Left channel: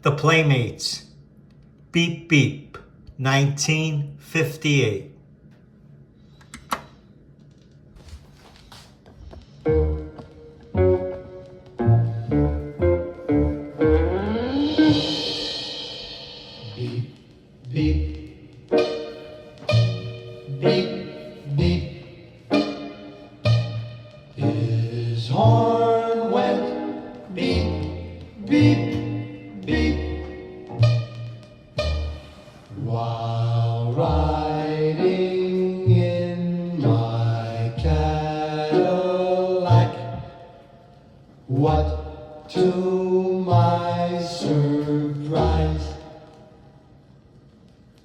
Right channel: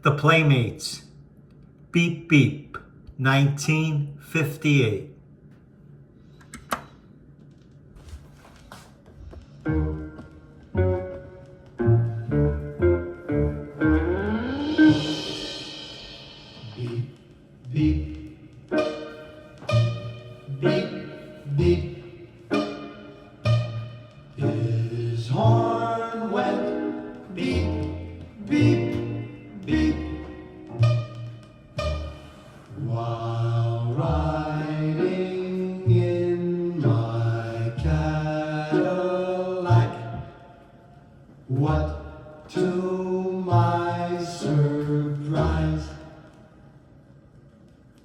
The Playmates, Beep Beep, 1958. Beep, beep, beep, beep. His horn went beep, beep, beep. While riding in my Cadillac, what to my surprise,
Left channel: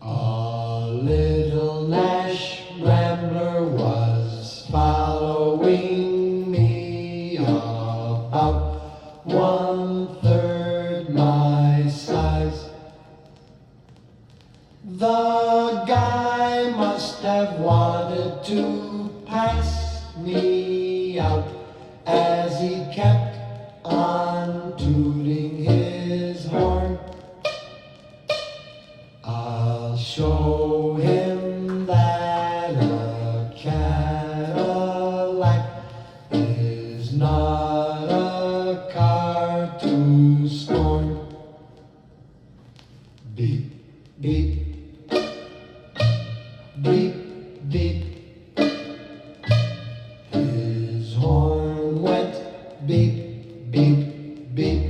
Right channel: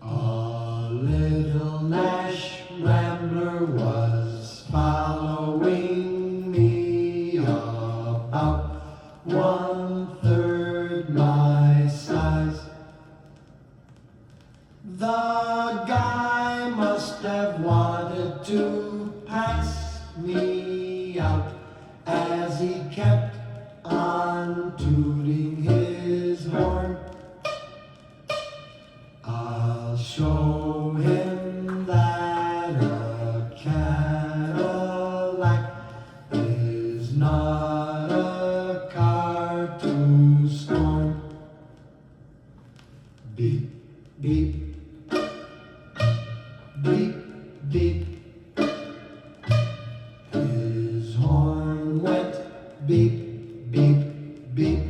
a little Nash Rambler was following me about 1/3 my size. The guy must have wanted to pass me out as he kept on tooting his horn. I'll show him that a Cadillac is not a car to scorn. Beep, beep, beep, beep. His horn went beep, beep, beep.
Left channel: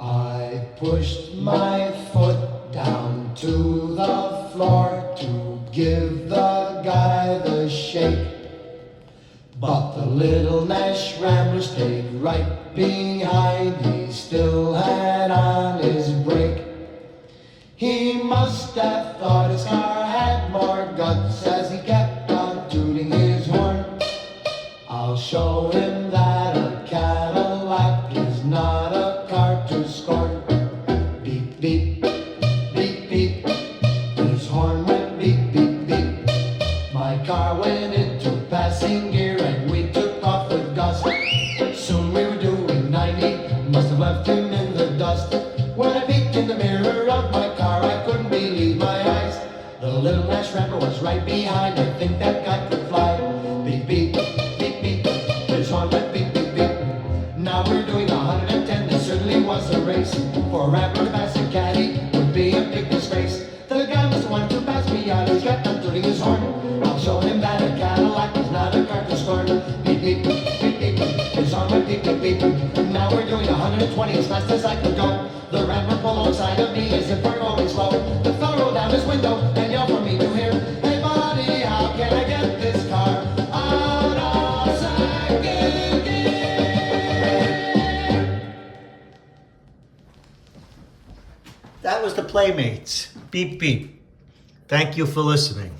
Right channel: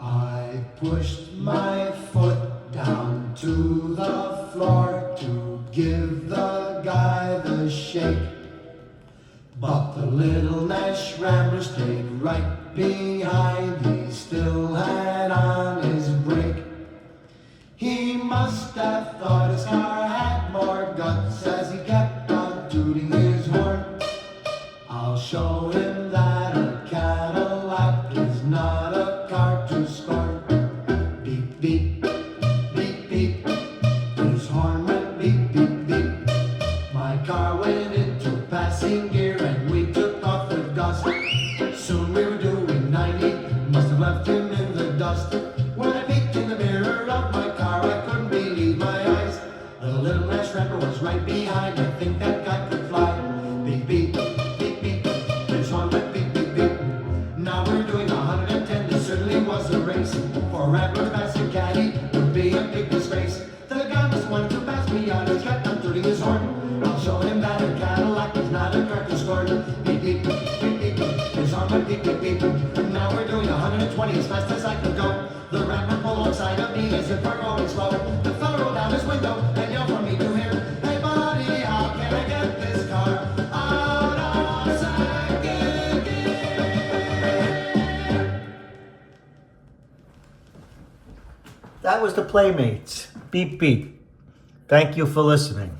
I pushed my foot down to the floor to give the guy the shake, but the little Nash Rambler stayed right behind. He still had on his brake. He must have thought his car had more guts as he kept on tooting his horn. I'll show him that a Cadillac is not a car to scorn. Beep, beep, beep, beep. His horn went beep, beep, beep. My car went into passing gear and we took off the dust. Soon we were doing 90, must have left him in the dust. When I peeked in the mirror of my car, I couldn't believe my eyes. The little Nash Rambler was right behind. I think that guy could fly. Beep, beep, beep, beep. His horn went beep, beep, beep. Now we're doing 110. This certainly was a race. For a Rambler passing caddy would be a big disgrace. The guy was the one to pass me on. He kept on tooting his horn. I'll show him that a Cadillac is not a car to scorn. Beep, beep, beep, beep. His horn went beep, beep, beep. Now we're doing 120 as fast as I could go. The Rambler pulled alongside of me as if we're going slow. The fellow rolled down his window and yelled for me to hear, "Hey buddy, how can I get this car out of second gear?" That was the Playmates, Beep Beep. Thank you for listening.